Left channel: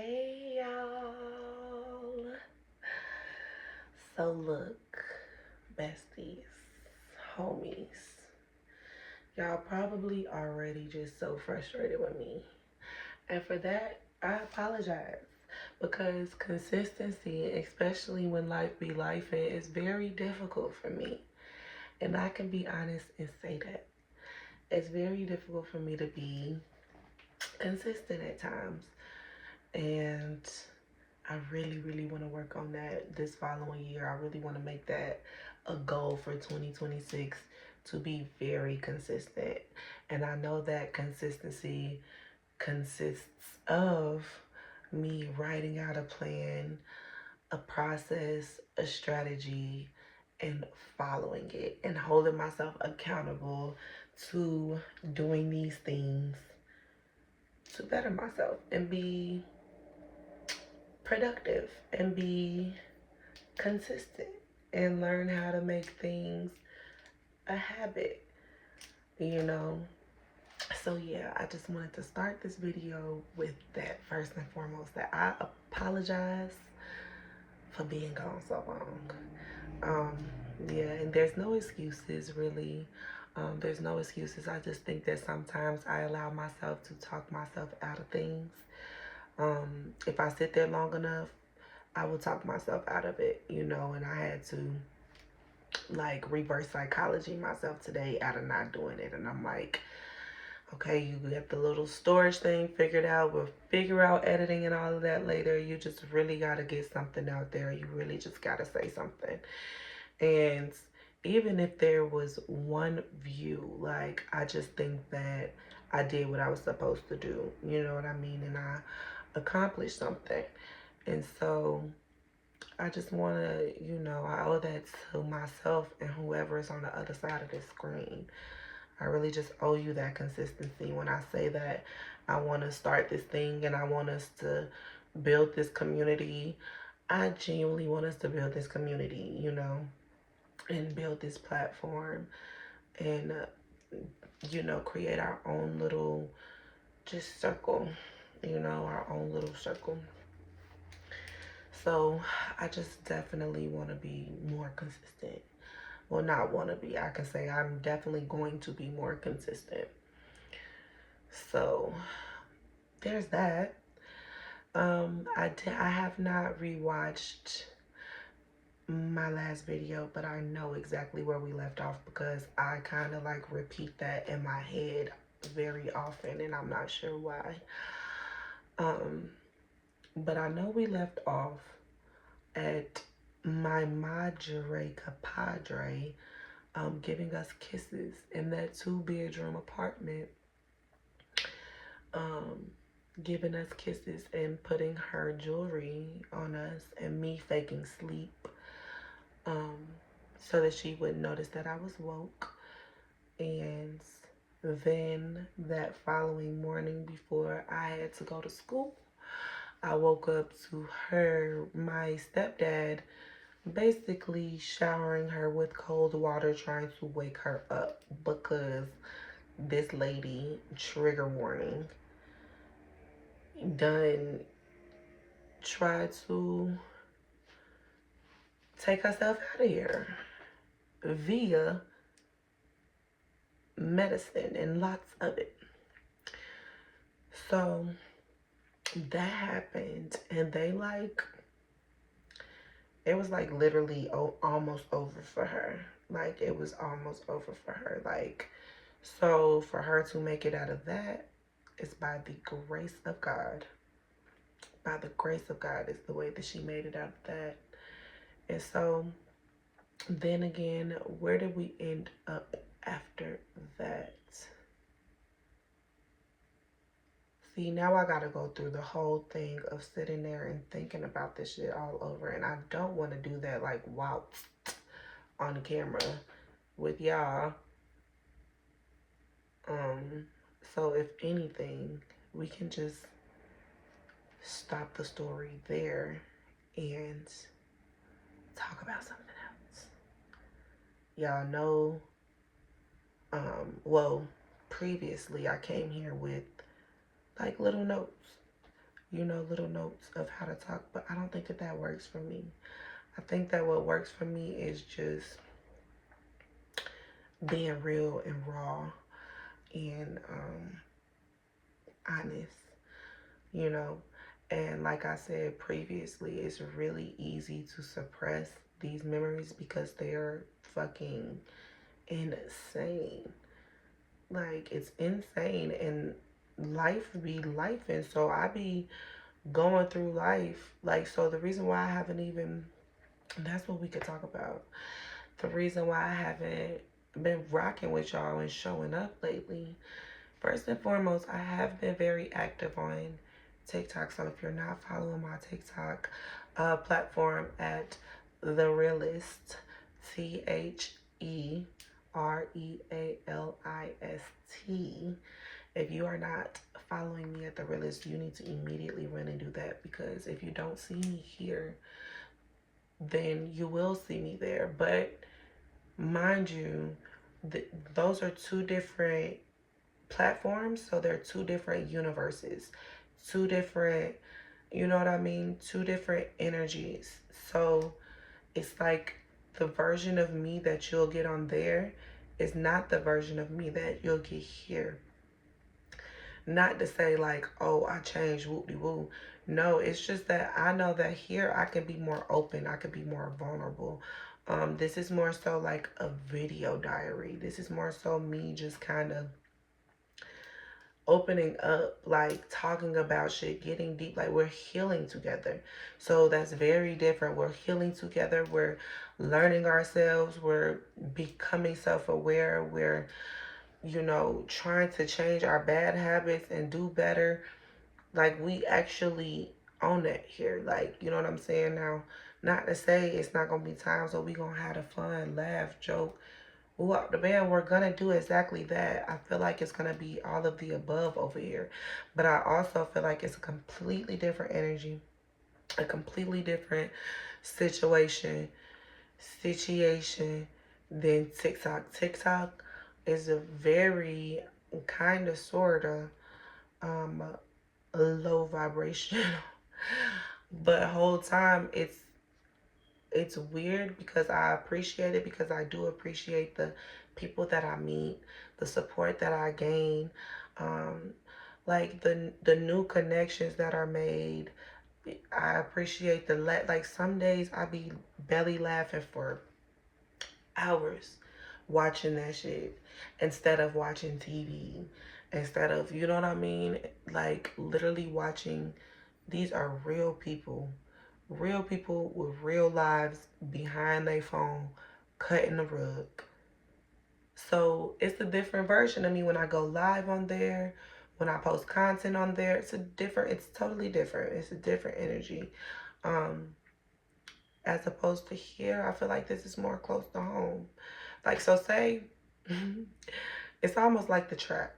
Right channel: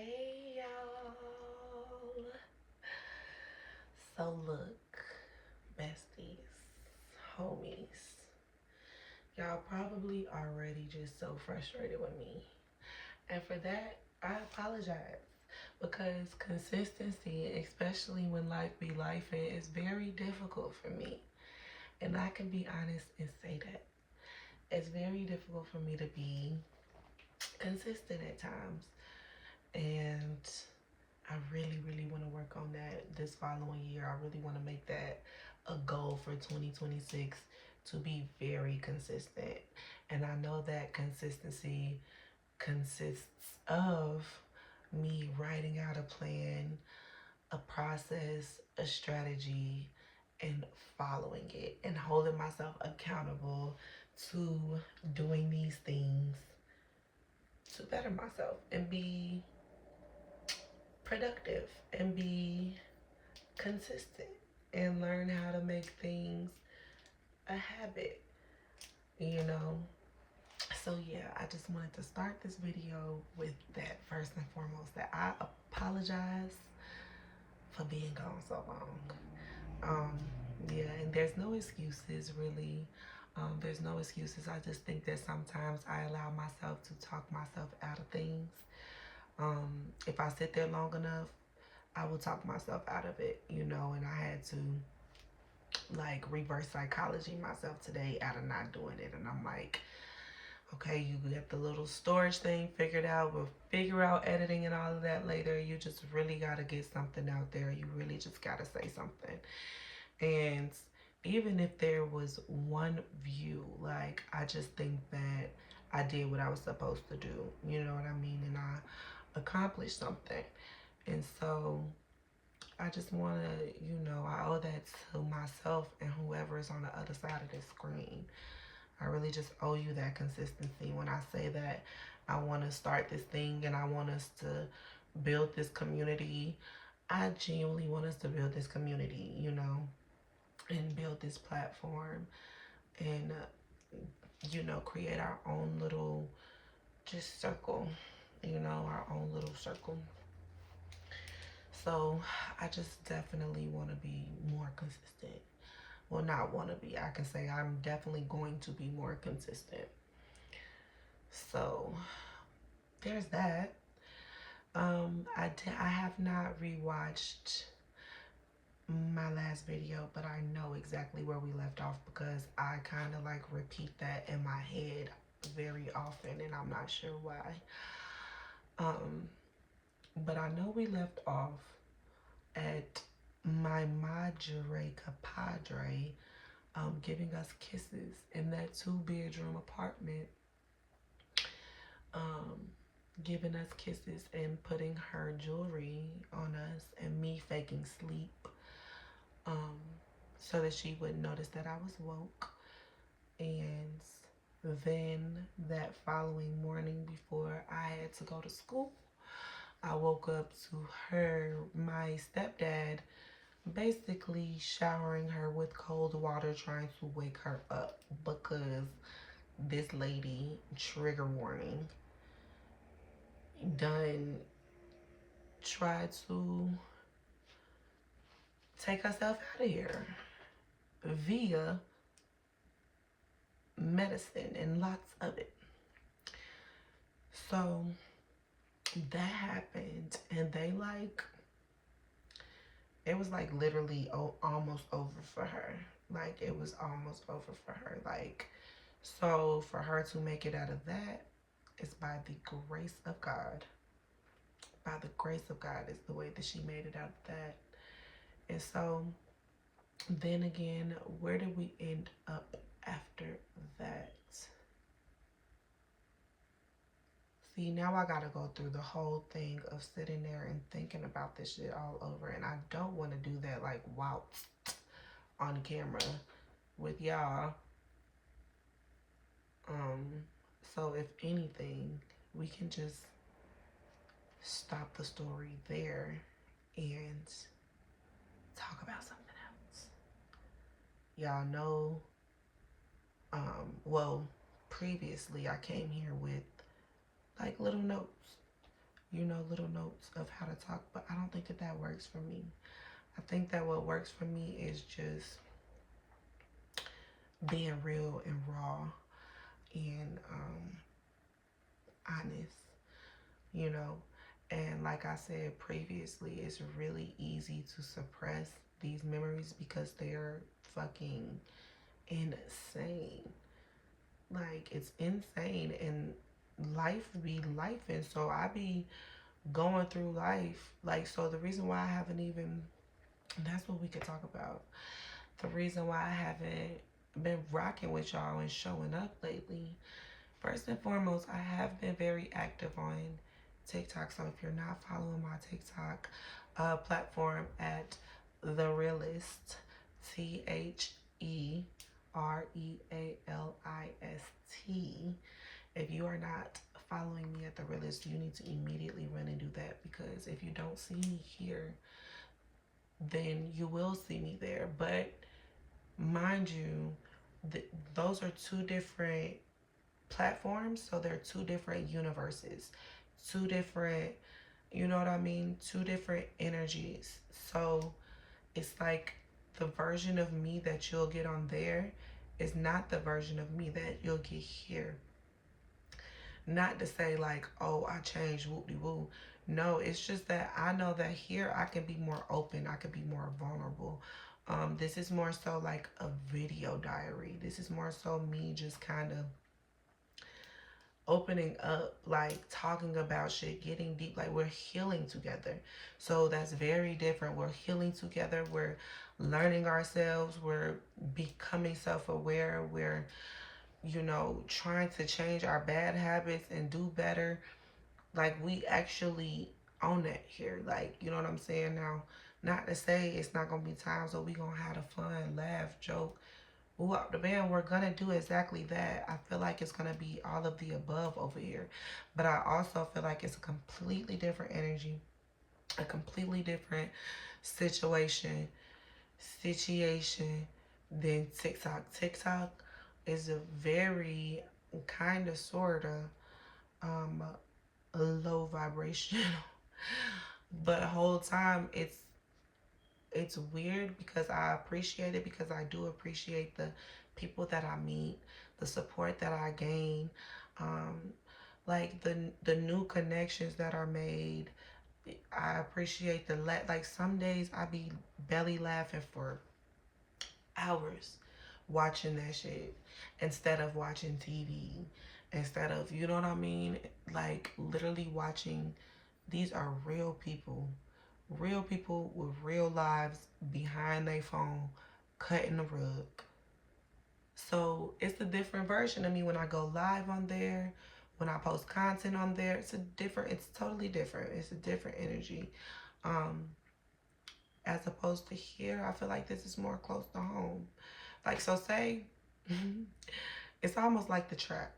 Hey y'all. So look, besties, homies, y'all probably already just so frustrated with me. And for that, I apologize because consistency, especially when life be life, is very difficult for me. And I can be honest and say that. It's very difficult for me to be consistent at times. And I really want to work on that this following year. I really want to make that a goal for 2026 to be very consistent. And I know that consistency consists of me writing out a plan, a process, a strategy, and following it and holding myself accountable to doing these things to better myself and be productive and be consistent and learn how to make things a habit, you know? So yeah, I just wanted to start this video with that first and foremost, that I apologize for being gone so long. Yeah, and there's no excuses really. There's no excuses. I just think that sometimes I allow myself to talk myself out of things. If I sit there long enough, I will talk myself out of it, you know, and I had to like reverse psychology myself today out of not doing it. And I'm like, okay, you get the little storage thing figured out. We'll figure out editing and all of that later. You just really got to get something out there. You really just got to say something. And even if there was one view, like, I just think that I did what I was supposed to do. You know what I mean? And I accomplished something. And so I just want to, you know, I owe that to myself and whoever is on the other side of this screen. I really just owe you that consistency when I say that I want to start this thing and I want us to build this community. I genuinely want us to build this community, you know, and build this platform and, you know, create our own little just circle, you know, our own little circle. So I just definitely want to be more consistent. Well, not want to be. I can say I'm definitely going to be more consistent. So there's that. I have not rewatched my last video, but I know exactly where we left off because I kind of like repeat that in my head very often, and I'm not sure why. But I know we left off at my madre compadre giving us kisses in that 2-bedroom apartment, giving us kisses and putting her jewelry on us and me faking sleep, so that she wouldn't notice that I was woke. And then that following morning before I had to go to school, I woke up to my stepdad, basically showering her with cold water, trying to wake her up because this lady, trigger warning, done tried to take herself out of here via medicine and lots of it. So that happened, and it was like literally almost over for her. Like, it was almost over for her. Like, so for her to make it out of that is by the grace of God. By the grace of God is the way that she made it out of that. And so then again, where did we end up after that? See, now I gotta go through the whole thing of sitting there and thinking about this shit all over. And I don't want to do that like while on camera with y'all. So if anything, we can just stop the story there and talk about something else. Y'all know, well, previously I came here with like little notes you know, little notes of how to talk, but I don't think that that works for me. I think that what works for me is just being real and raw and honest, you know. And like I said previously, it's really easy to suppress these memories because they're fucking insane. Like, it's insane. And life be life. And so I be going through life. Like, so the reason why I haven't even, that's what we could talk about. The reason why I haven't been rocking with y'all and showing up lately. First and foremost, I have been very active on TikTok. So if you're not following my TikTok platform at TheRealist, TheRealist. If you are not following me at TheRealist, you need to immediately run and do that, because if you don't see me here, then you will see me there. But mind you, those are two different platforms, so they're two different universes, two different, you know what I mean, two different energies. So it's like the version of me that you'll get on there is not the version of me that you'll get here. Not to say like, oh, I changed, whoop-de-woo. No, it's just that I know that here I can be more open, I can be more vulnerable. This is more so like a video diary. This is more so me just kind of opening up, like talking about shit, getting deep, like we're healing together. So that's very different. We're healing together, we're learning ourselves, we're becoming self-aware, we're, you know, trying to change our bad habits and do better. Like, we actually own that here. Like, you know what I'm saying? Now, not to say it's not gonna be times where we gonna have a fun, laugh, joke, the band, we're gonna do exactly that. I feel like it's gonna be all of the above over here, but I also feel like it's a completely different energy, a completely different situation than TikTok. TikTok is a very kind of sort of um low vibration, but whole time it's weird because I appreciate it, because I do appreciate the people that I meet, the support that I gain, um, like the new connections that are made. I appreciate like some days I be belly laughing for hours watching that shit instead of watching TV, instead of, you know what I mean? Like, literally watching, these are real people with real lives behind their phone, cutting the rug. So it's a different version of me when I go live on there, when I post content on there. It's totally different. It's a different energy. Um, as opposed to here, I feel like this is more close to home. Like, so say, it's almost like the trap.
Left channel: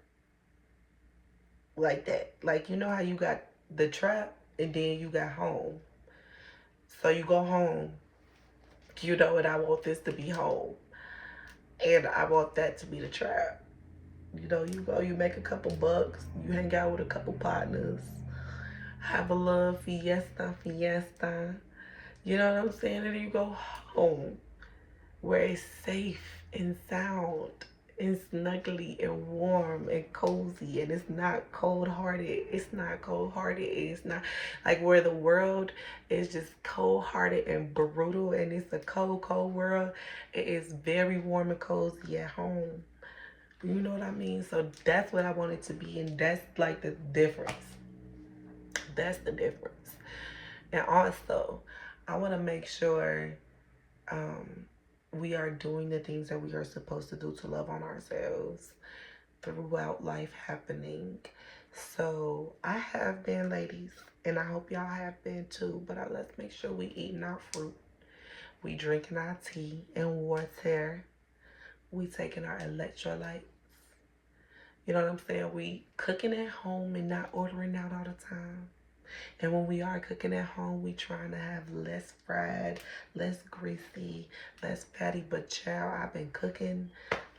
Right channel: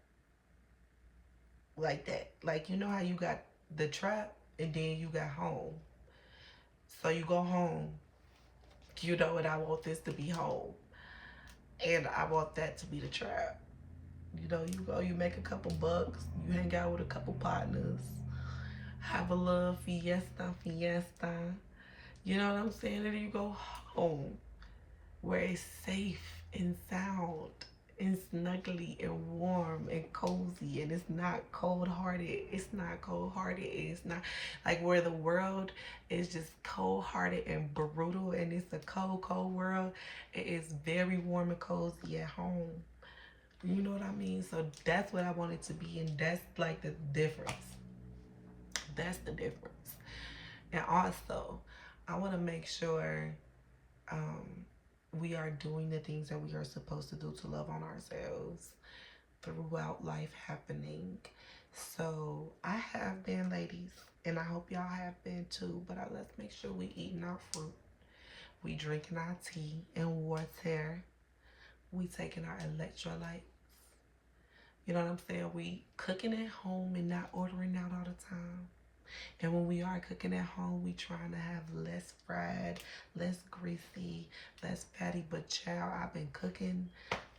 Like that. Like, you know how you got the trap and then you got home. So you go home, you know, and I want this to be home. And I want that to be the trap. You know, you go, you make a couple bucks, you hang out with a couple partners, have a little fiesta. You know what I'm saying? And then you go home where it's safe and sound and snuggly and warm and cozy, and it's not cold-hearted. It's not cold-hearted. It's not like where the world is just cold-hearted and brutal, and it's a cold world. It is very warm and cozy at home. You know what I mean? So that's what I want it to be, and that's like the difference. That's the difference. And also, I want to make sure we are doing the things that we are supposed to do to love on ourselves throughout life happening. So I have been, ladies, and I hope y'all have been too, but let's make sure we eating our fruit. We drinking our tea and water. We taking our electrolytes. You know what I'm saying? We cooking at home and not ordering out all the time. And when we are cooking at home, we trying to have less fried, less greasy, less fatty. But child, I've been cooking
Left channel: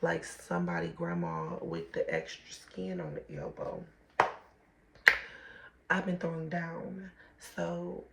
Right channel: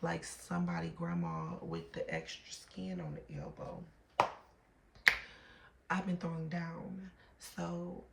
like somebody grandma with the extra skin on the elbow. I've been throwing down. So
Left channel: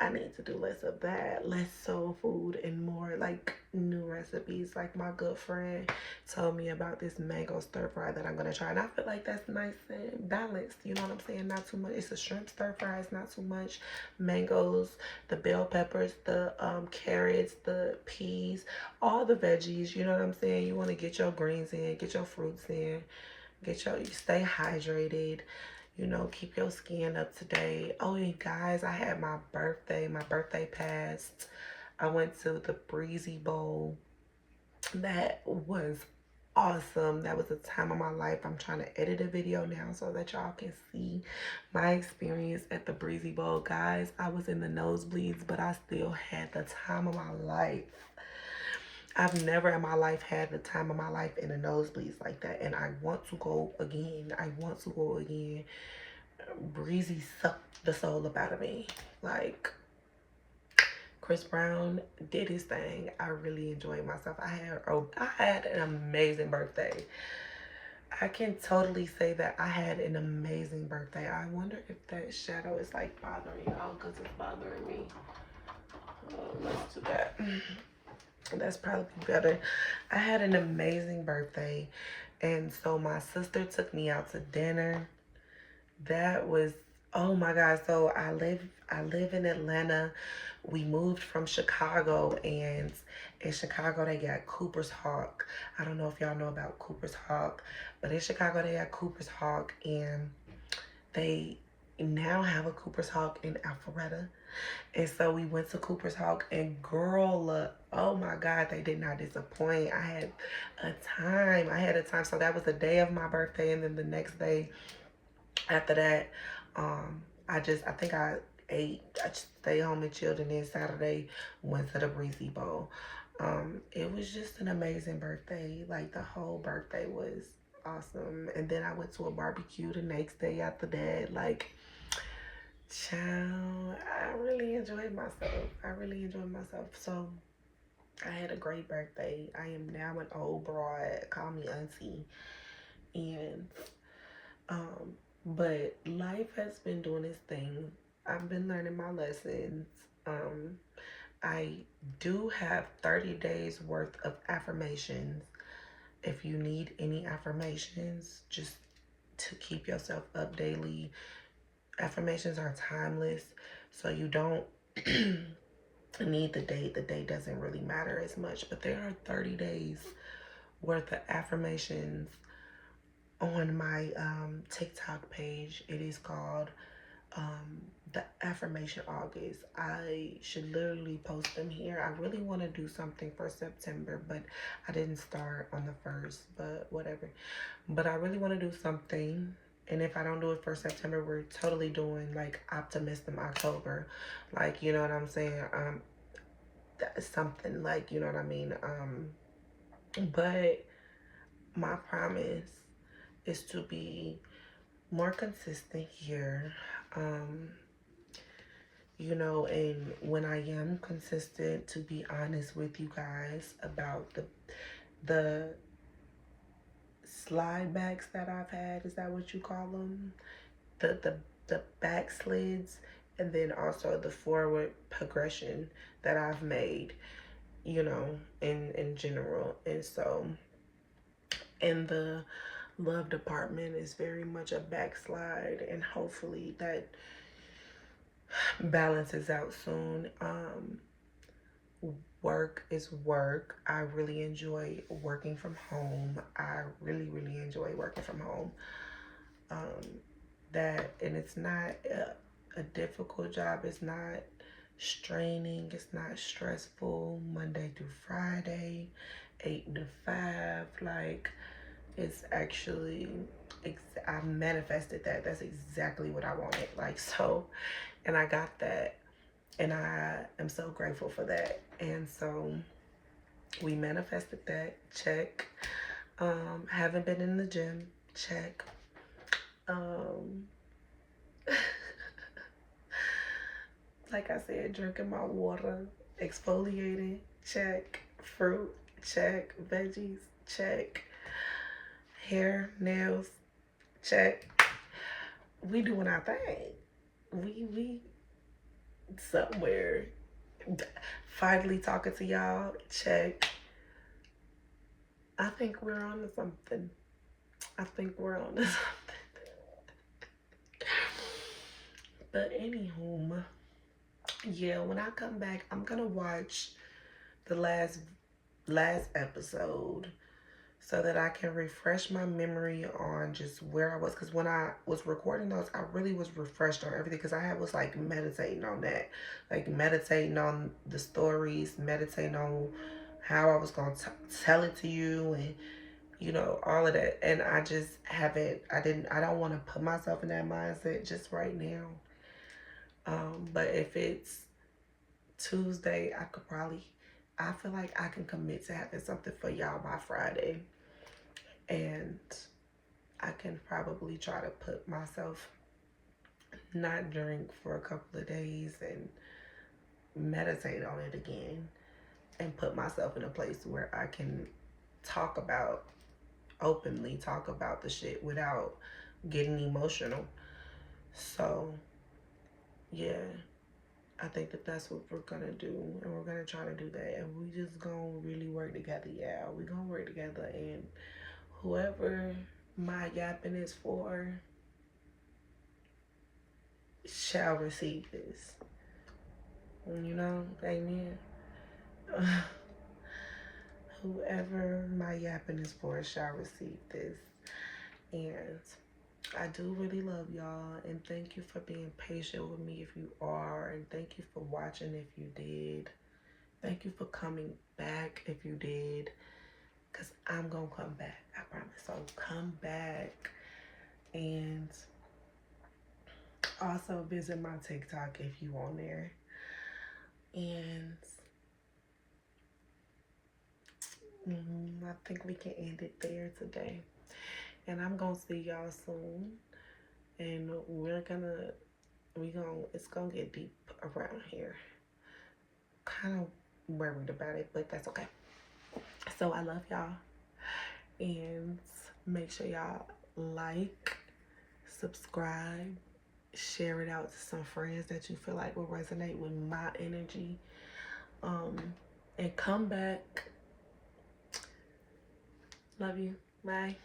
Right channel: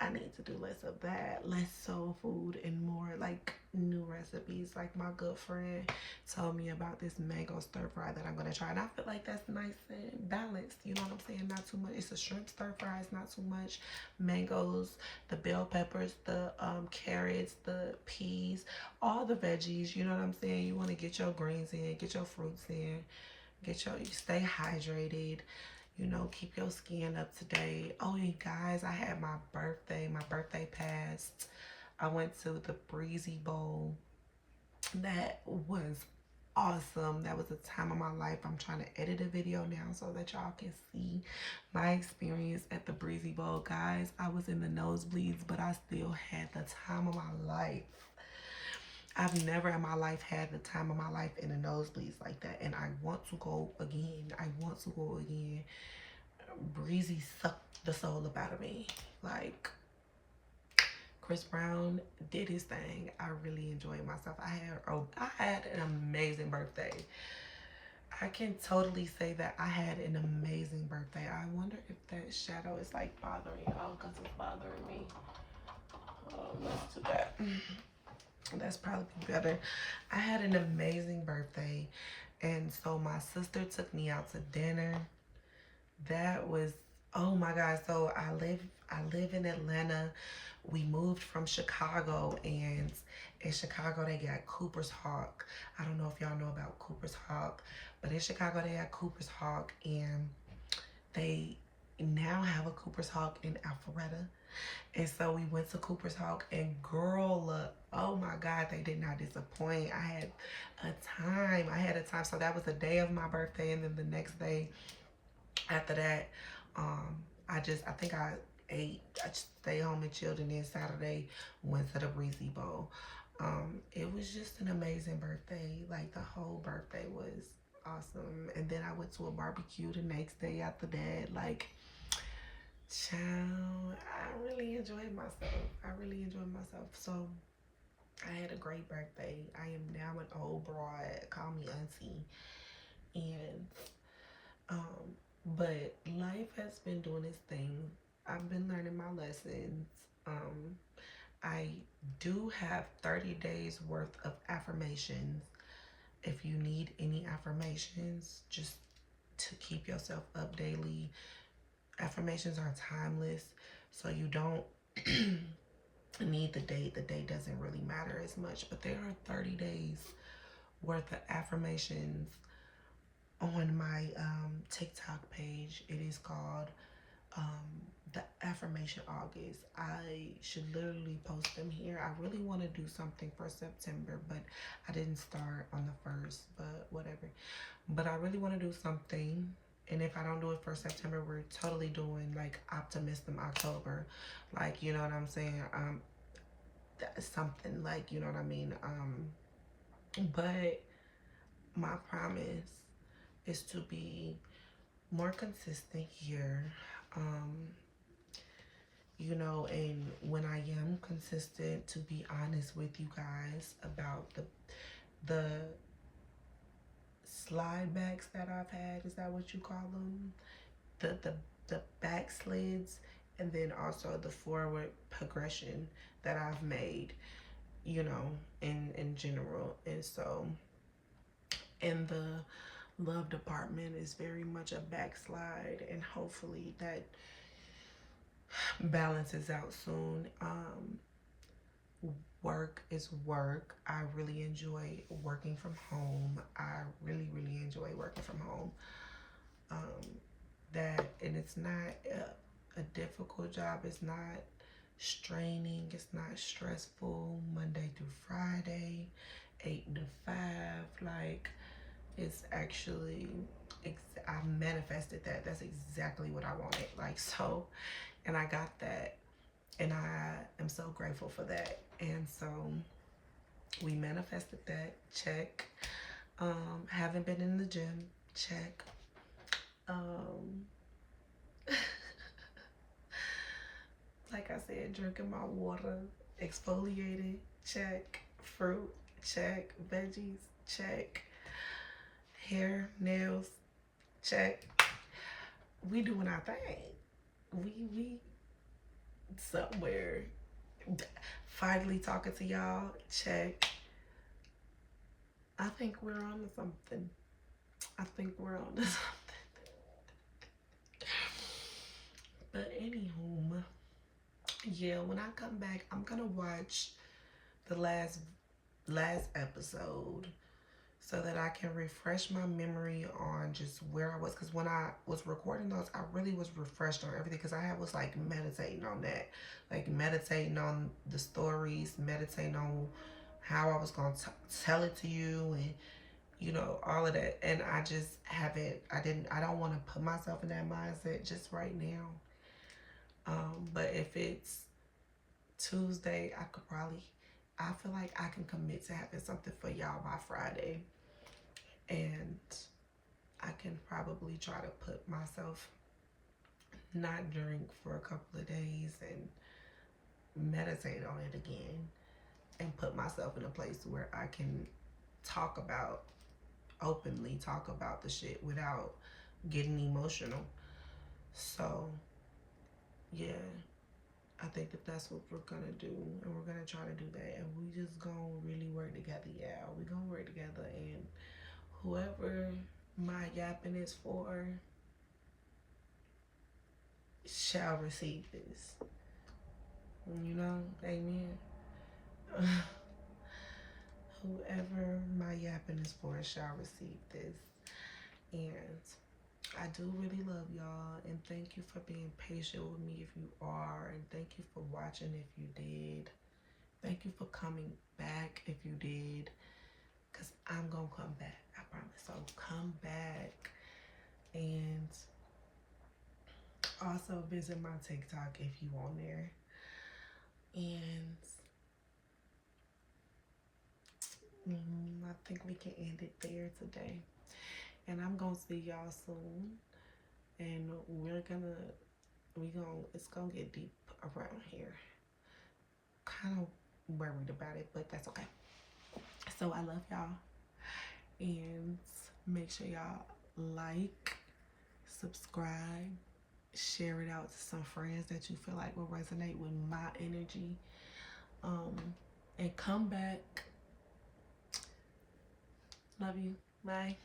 I need to do less of that, less soul food and more like new recipes. Like my good friend told me about this mango stir fry that I'm gonna try, and I feel like that's nice and balanced. You know what I'm saying? Not too much. It's a shrimp stir fry. It's not too much mangoes, the bell peppers, the carrots, the peas, all the veggies. You know what I'm saying? You want to get your greens in, get your fruits in, you stay hydrated. You know, keep your skin up to date. Oh, and guys, I had my birthday. My birthday passed. I went to the Breezy Bowl. That was awesome. That was a time of my life. I'm trying to edit a video now so that y'all can see my experience at the Breezy Bowl. Guys, I was in the nosebleeds, but I still had the time of my life. I've never in my life had the time of my life in the nosebleeds like that. And I want to go again. I want to go again. Breezy sucked the soul up out of me. Like, Chris Brown did his thing. I really enjoyed myself. I had an amazing birthday. I can totally say that I had an amazing birthday. I wonder if that shadow is like bothering y'all because it's bothering me. Let's do that. That's probably better. I had an amazing birthday, and so my sister took me out to dinner. That was, oh my God. So I live in Atlanta. We moved from Chicago, and in Chicago they got Cooper's Hawk. I don't know if y'all know about Cooper's Hawk, but in Chicago they got Cooper's Hawk, and they now have a Cooper's Hawk in Alpharetta. And so we went to Cooper's Hawk, and girl, oh my God, they did not disappoint. I had a time. So that was the day of my birthday, and then the next day after that, I think I ate. I just stayed home and chilled, and then Saturday went to the Breezy Bowl. It was just an amazing birthday. Like, the whole birthday was awesome. And then I went to a barbecue the next day after that. Like, child, I really enjoyed myself. So I had a great birthday. I am now an old broad. Call me auntie. And but life has been doing its thing. I've been learning my lessons. I do have 30 days worth of affirmations. If you need any affirmations, just to keep yourself up daily. Affirmations are timeless, so you don't need the date. The date doesn't really matter as much, but there are 30 days worth of affirmations on my TikTok page. It is called the Affirmation August. I should literally post them here. I really want to do something for September, but I didn't start on the 1st, but whatever. But I really want to do something. And if I don't do it for September, we're totally doing like Optimism October. Like, you know what I'm saying? Something like, you know what I mean? But my promise is to be more consistent here. You know, and when I am consistent, to be honest with you guys about the slide backs that I've had. Is that what you call them? The backslids, and then also the forward progression that I've made, you know, in general. And so in the love department is very much a backslide, and hopefully that balances out soon. Work is work. I really enjoy working from home. I really enjoy working from home. And it's not a difficult job. It's not straining. It's not stressful. Monday through Friday, 8 to 5. Like, it's actually, I manifested that. That's exactly what I wanted. Like, so, and I got that. And I am so grateful for that. And so we manifested that. Check. Haven't been in the gym. Check. Like I said, drinking my water, exfoliating, check. Fruit, check., check. Hair, nails, check. we doing our thing. We somewhere. Finally talking to y'all. Check. I think we're on to something. I think we're on to something. But anywho, yeah, when I come back, I'm gonna watch the last episode so that I can refresh my memory on just where I was. Because when I was recording those, I really was refreshed on everything. Because I was like meditating on that, like meditating on the stories, meditating on how I was gonna tell it to you, and you know, all of that. And I just haven't. I don't want to put myself in that mindset just right now. But if it's Tuesday, I could probably. I feel like I can commit to having something for y'all by Friday. And I can probably try to put myself not drink for a couple of days and meditate on it again and put myself in a place where I can openly talk about the shit without getting emotional. So, yeah, I think that that's what we're gonna do, and we're gonna try to do that, and we just gonna really work together. Yeah, we gonna work together, and whoever my yapping is for shall receive this. You know, amen. Whoever my yapping is for shall receive this. And I do really love y'all, and thank you for being patient with me if you are, and thank you for watching if you did. Thank you for coming back if you did, because I'm gonna come back, I promise. So come back, and also visit my TikTok if you on there. And I think we can end it there today. And I'm gonna see y'all soon. And it's gonna get deep around here. Kind of worried about it, but that's okay. So I love y'all. And make sure y'all like, subscribe, share it out to some friends that you feel like will resonate with my energy. And come back. Love you. Bye.